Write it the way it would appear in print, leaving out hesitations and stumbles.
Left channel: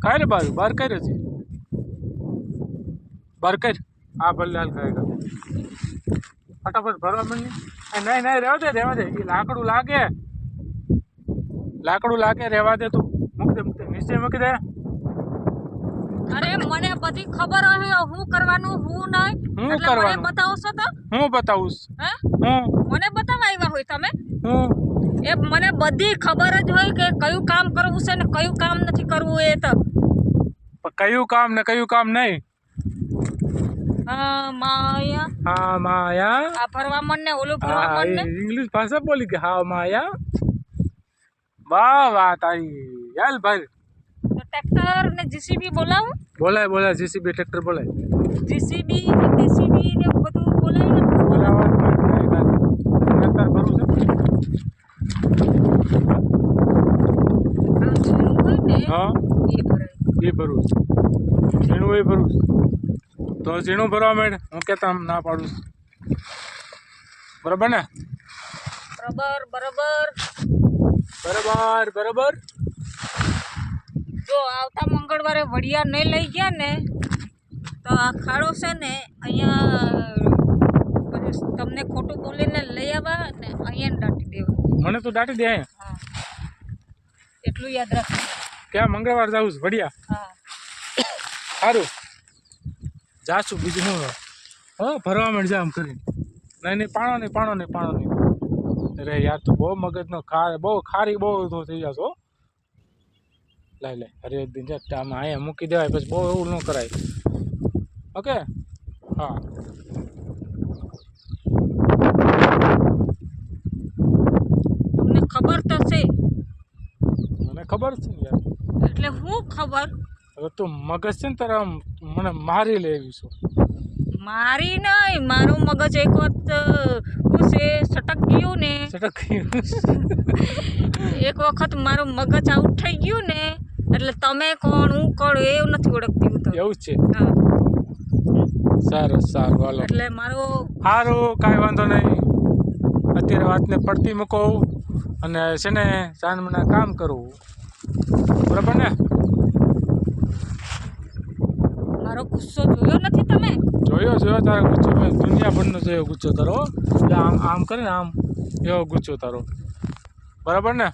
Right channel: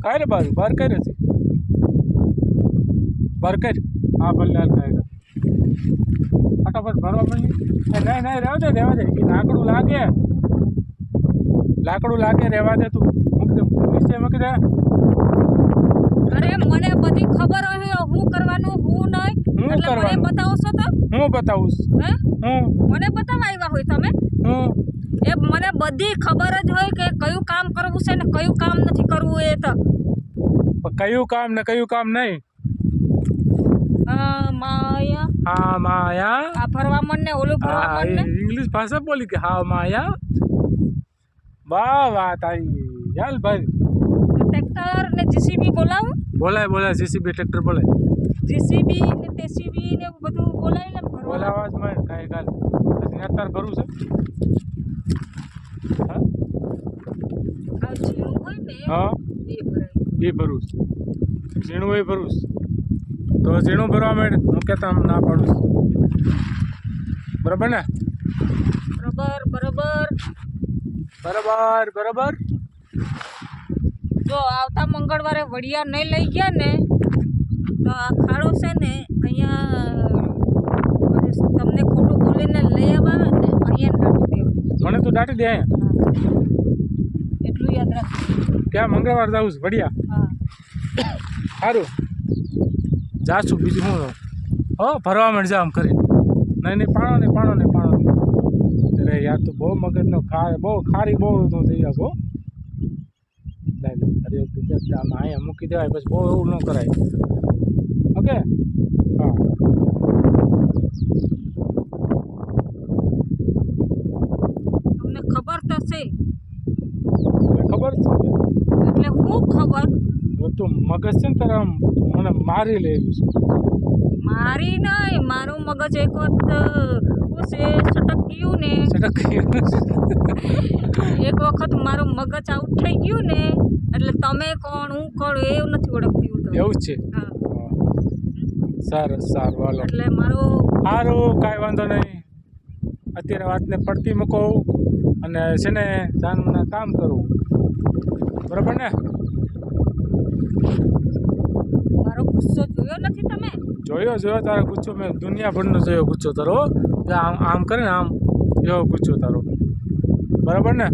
काय रे बार बार काय रे बार कर આ ભલે હાલ કાંઈ ફટાફટ ભરવા માંડી નહીં નહીં રહેવા દે એ લાકડું લાગે રહેવા દે તું મૂકી દે નીચે મૂકી દે અરે મને બધી ખબર હે હું કરવાનું હું નહીં હું કરવાનું બતાવશો તો હું બતાવું હે હું મને બતાવવા આવ્યા હોય તમે હું એ મને બધી ખબર જ હોય કે કયું કામ કરવું છે ને કયું કામ નથી કરવું એ તો કયું કામ ને કયું કામ નહીં માયા હા માયા આ ફરવા મને ઓલું ફરવા મને ઇંગ્લિશ ભાષા બોલી કે હા માયા વાહ વાહ તારી યાલ ભાઈ ટ્રેક્ટર ને જીસીબી બોલાવું બોલાય જીસીબી ટ્રેક્ટર બોલાય જીસીબી ને ટીસીબી ને બધું બોલાય ને બોલાવા જ ભાઈ નહીં ભાઈ અત્યારે ભરું છે આ ઝીણું હોય ને હા એ ભરાય એ ભરું ઝીણું એ ભરું તો ઝીણું ભરવા માંડ હું કહેતા ના પાડું બરાબર ને બરાબર જો આવતા મંગળવારે વડિયા નહીં લઈ ગયા ને તો આ ખાડો છે ને અહીંયા તમને ખોટું બોલીને લઈ આવ્યા ને અહીંયા દાટી દેવા મને તો દાટી દે એટલું યાદ રાખ ક્યાં મંગળવાર જાઉં છું વડિયા હા સારું જાશું બીજું શું હો ભરવા માંડ જા આમ કરી નહીં પાણો નહીં અરે યાર તો બહુ મગજનો બહુ ખારી બહુ તો થઈ જશો લાઈ અરે એક દિન આમાં અહીંયા મૂકી દેવાય પછી બહુ એવું ન કરાય ઓકે હા તમને ખબર તો છે મને ખબર છે યાર એટલે હું ખબર હવે તું મગજ છે ને તારે મને મારી લેવી છે મારી નહીં મારું મગજ એક વખત શું છે સટક ગયું ને એક વખત મારું મગજ આઉટ થઈ ગયું ને એટલે તમે કોણ હું કોણ એવું નથી ઓળખતી હું તો એવું જ છે હા સારું હાલો એટલે મારો સારું કાંઈ વાંધો નહીં અત્યારે વાતને પડતી મૂકો અને છે ને સાંજમાં કામ કરવું બરાબર ને મારો ગુસ્સો જોયો નથી તમે જોયો તારો ગુસ્સો મેં દુનિયાભરનો જોયો ગુસ્સો તારો આમ કરે ને આમ એવો ગુસ્સો તારો બરાબર ને